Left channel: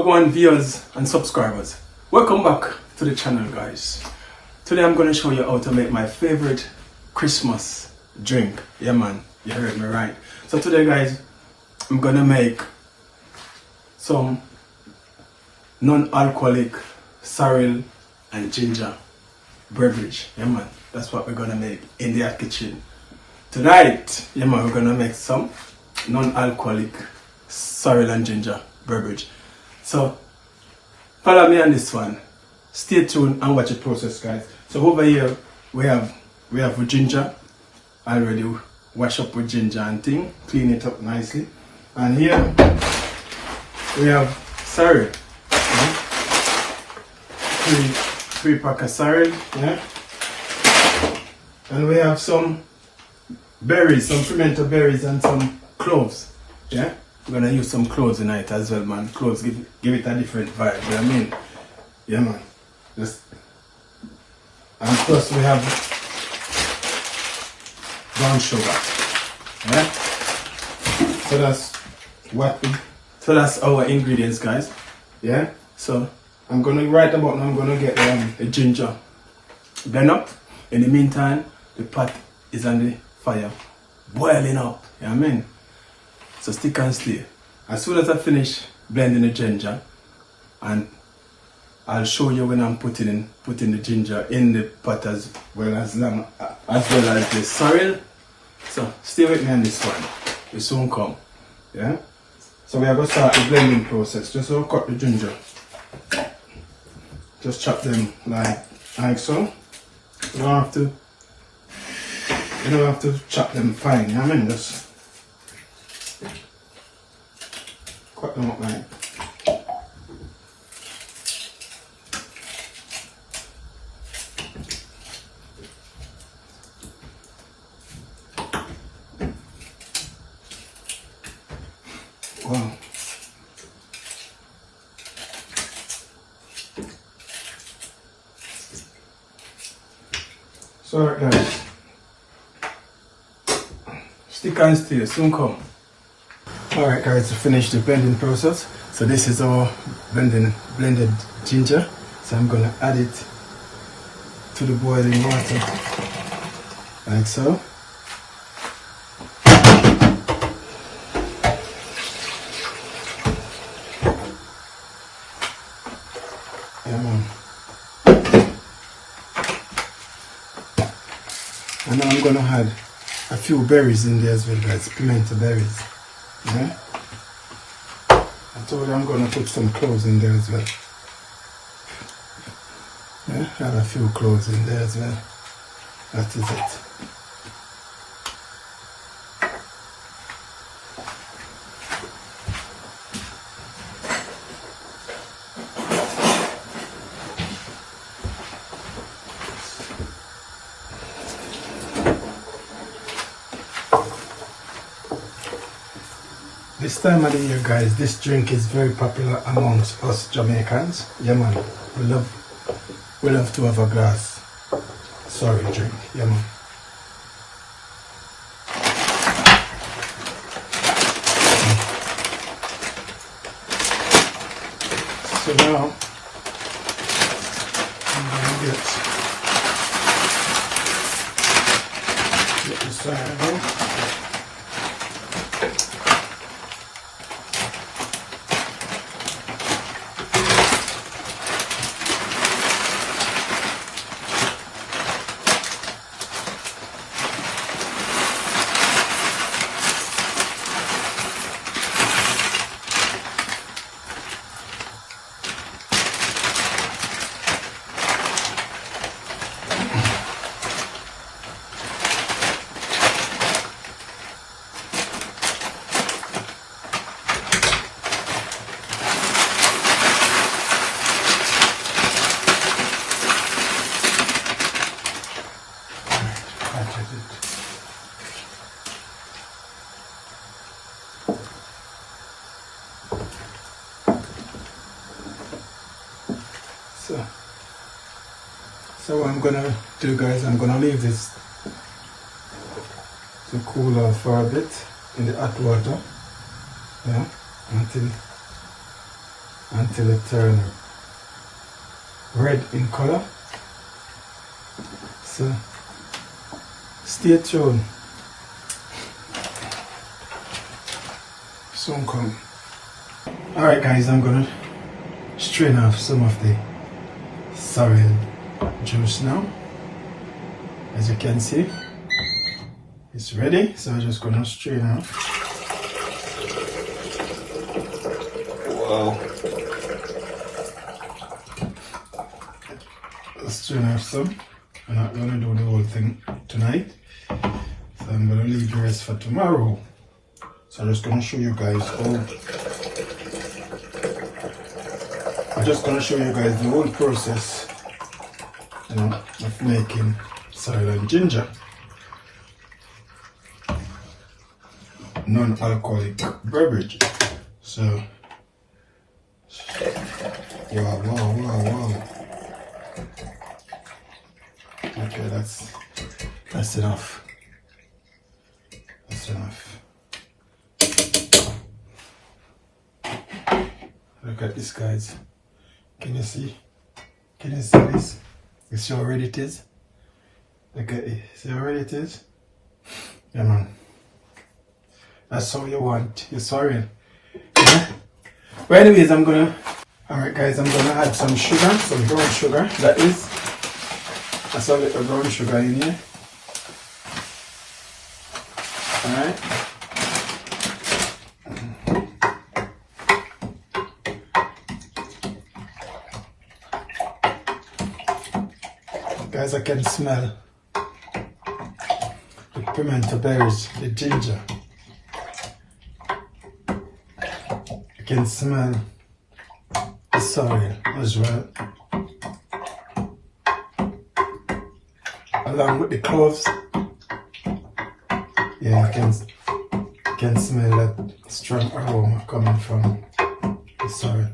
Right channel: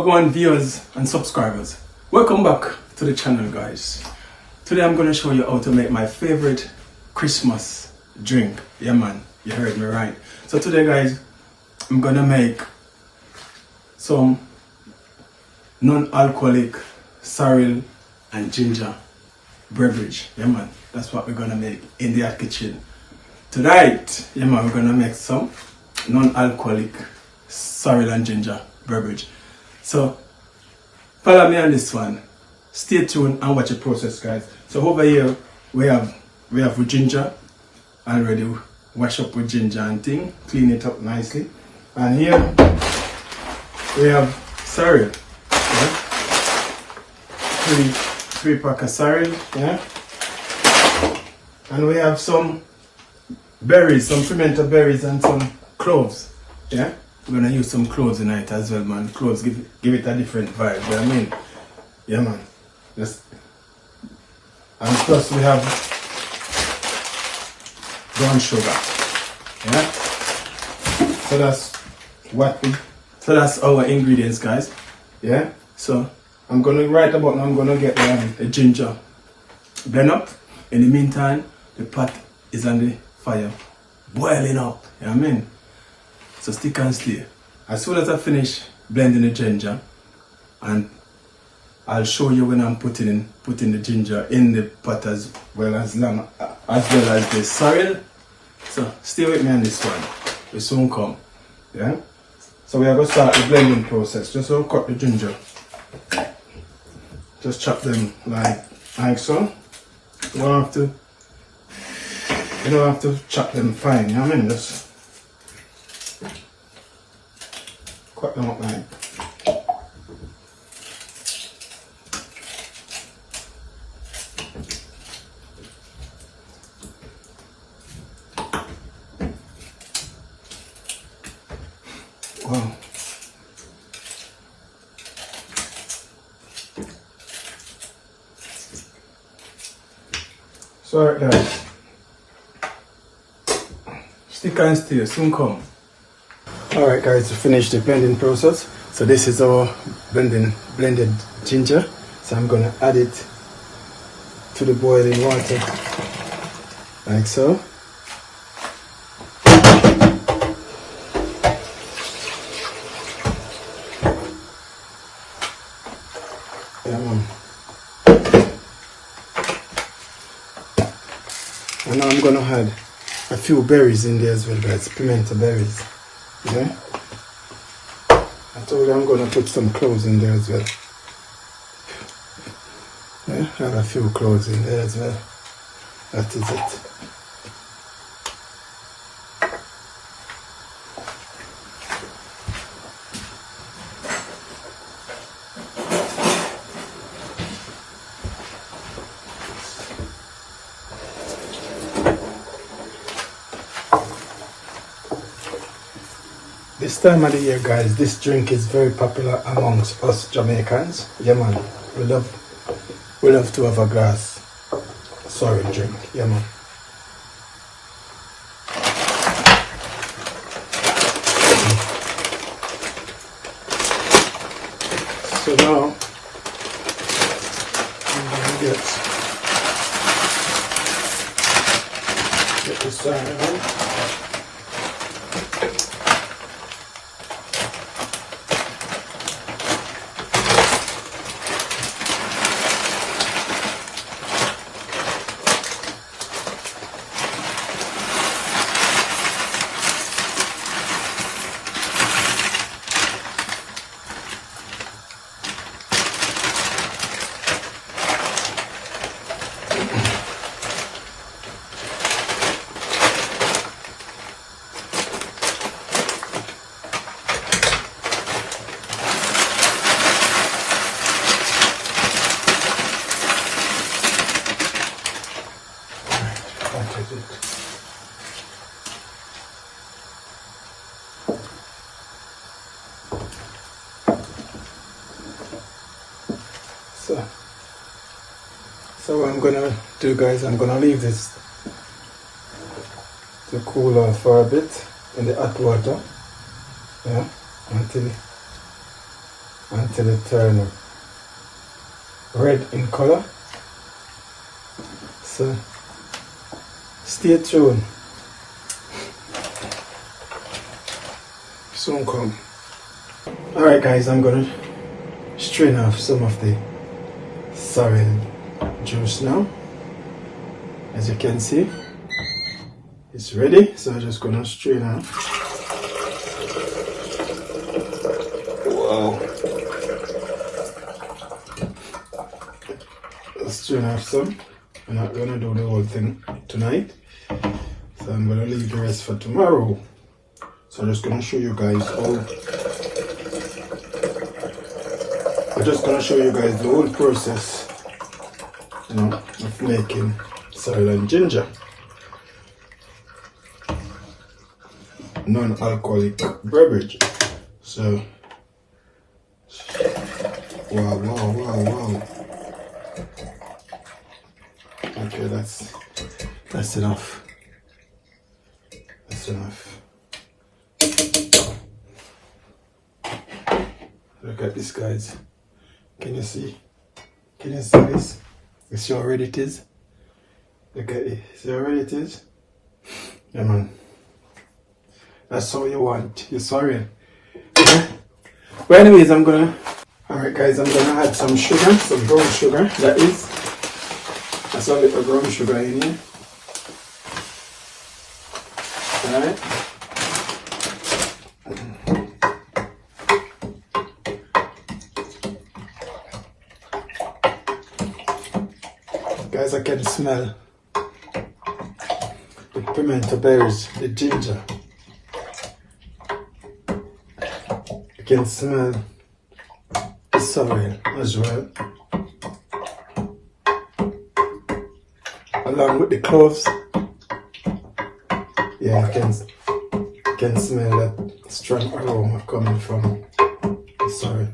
Wagwan viewers and subscribers, welcome back to the channel, guys. Today I'm going to show you how to make my favorite Christmas drink. Yeah man, you heard me right. So today guys, I'm going to make some non-alcoholic sorrel and ginger beverage. Yeah man, that's what we're going to make in the kitchen tonight. Yeah man, we're going to make some non-alcoholic sorrel and ginger beverage. So follow me on this one. Stay tuned and watch the process, guys. So over here we have ginger already wash up with ginger and thing, clean it up nicely. And here we have sorrel. Yeah? Three pack of sorrel, yeah. And we have some berries, some fermented berries and some cloves. Yeah. We're gonna use some cloves tonight as well, man. Cloves give it a different vibe, you know what I mean? Yeah man. And plus we have brown sugar. Yeah? So that's our ingredients, guys. Yeah? So I'm gonna right about now I'm gonna get the ginger blend up. In the meantime, the pot is on the fire, boiling up, you know what I mean? So stick and stay. As soon as I finish blending the ginger, and I'll show you when I'm putting the ginger in the pot as well as the sorrel. So stay with me on this one. We soon come. Yeah? So we are going to start the blending process. Just so cut the ginger. Just chop them like so. You don't have to chop them fine, you know what I mean? Just cut them up like. Wow. So alright guys, stick and stay, soon come. Alright guys, to finish the blending process. So this is our blended ginger. So I'm gonna add it to the boiling water like so. And now I'm gonna add a few berries in there as well, guys. Pimento berries. Yeah. I told you I'm gonna put some cloves in there as well. Yeah, add a few cloves in there as well. That is it. This time of the year, guys, this drink is very popular amongst us Jamaicans. Yeah man, we love to have a glass sorrel drink. Yeah man. So now I'm gonna get the sorrel. So what I'm gonna do, guys, I'm gonna leave this to cool off for a bit in the hot water, yeah, until until it turns red in color. So stay tuned. Soon come. Alright guys, I'm gonna strain off some of the sorrel juice now. As you can see, it's ready, so I'm just gonna strain off. Wow. I'll strain off some. I'm not gonna do the whole thing tonight, so I'm gonna leave the rest for tomorrow. So I'm just gonna show you guys the whole process, you know, of making sorrel and ginger. Non-alcoholic beverage. So wow. Okay, that's enough. That's enough. Look at this, guys. Can you see? Can you see this? You see how red it is? Look at it. See how red it is? Yeah, man. That's how you want your sorrel. Yeah? But anyways, alright guys, I'm gonna add some sugar, some brown sugar, that's a little brown sugar in here. Alright. Guys, I can smell the pimento berries, the ginger. I can smell the sorrel as well, along with the cloves. Yeah, I can smell that strong aroma coming from the sorrel.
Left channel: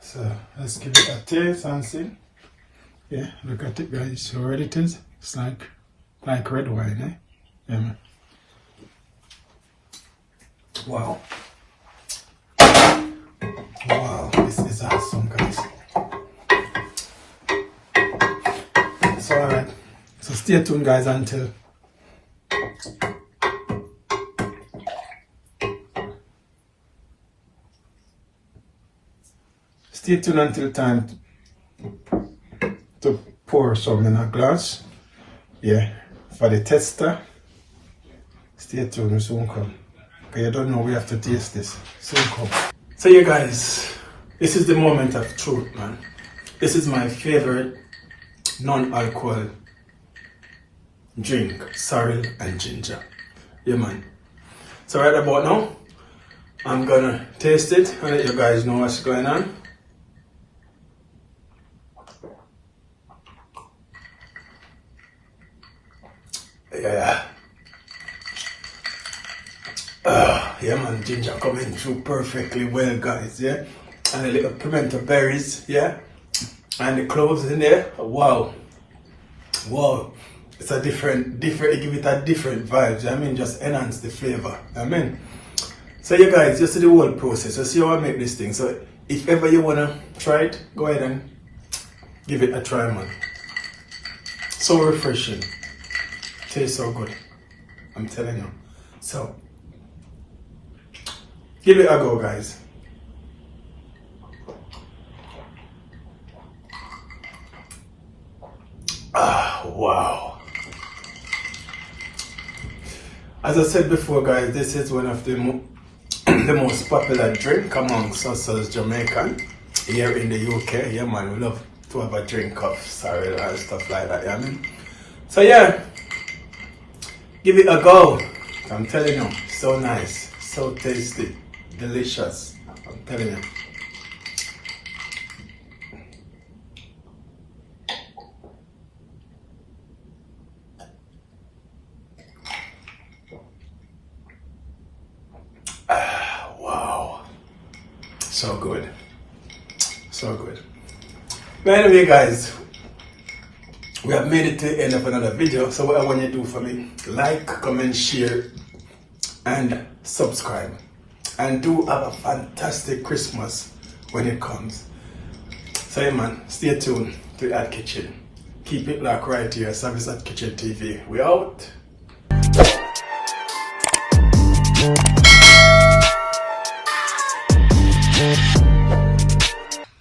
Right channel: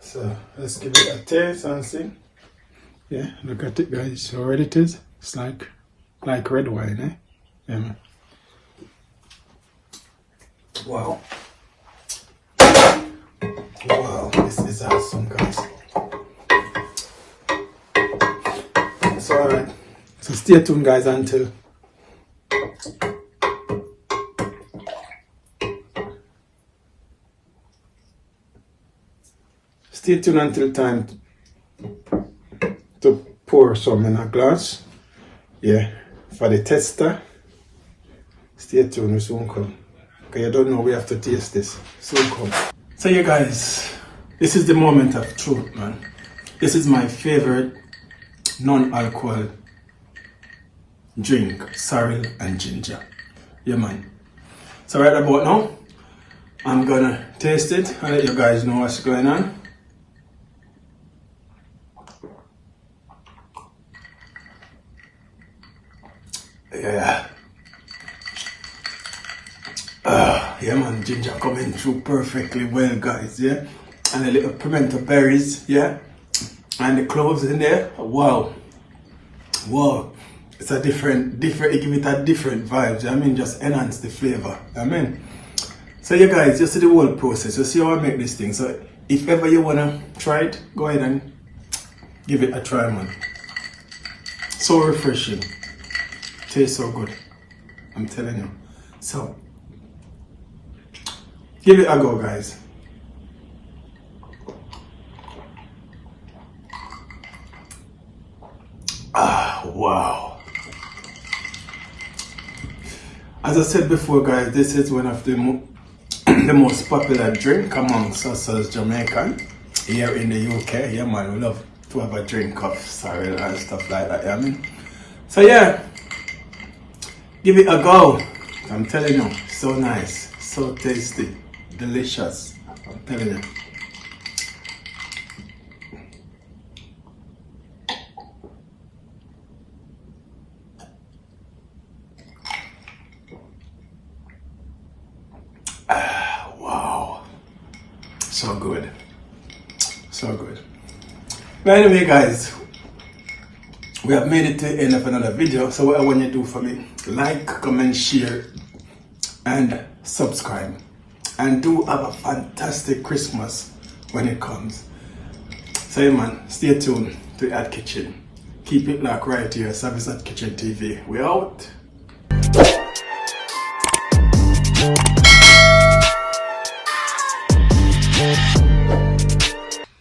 So let's give it a taste and see. Yeah, look at it, guys. So red it is. It's like red wine, eh? Wow. Wow, this is awesome, guys. It's alright. So stay tuned, guys, until time to pour some in a glass. Yeah, for the tester. Stay tuned, we soon come. Okay, I don't know, we have to taste this. Soon come. So you guys, this is the moment of truth, man. This is my favorite non-alcohol drink, sorrel and ginger. Yeah, man. So right about now, I'm gonna taste it and let you guys know what's going on. Yeah. Yeah, man, ginger coming through perfectly well, guys, yeah? And a little pimento berries, yeah? And the cloves in there, wow. Wow. It's a different, it give it a different vibe, I mean, just enhance the flavor, I mean. So you guys, you see the whole process, you see how I make this thing. So if ever you wanna try it, go ahead and give it a try, man. So refreshing. Tastes so good, I'm telling you. So give it a go, guys. Wow. As I said before, guys, this is one of the most popular drink amongst us as Jamaican here in the UK. Yeah, man, we love to have a drink of sorrel and stuff like that, yeah, I mean. So yeah, give it a go. I'm telling you, so nice, so tasty, delicious. I'm telling you. Wow, so good, so good. But anyway, guys, we have made it to the end of another video. So what I want you to do for me, like, comment, share, and subscribe. And do have a fantastic Christmas when it comes. So yeah, man, stay tuned to At Kitchen. Keep it locked right here, Savizz at Kitchen TV. We out.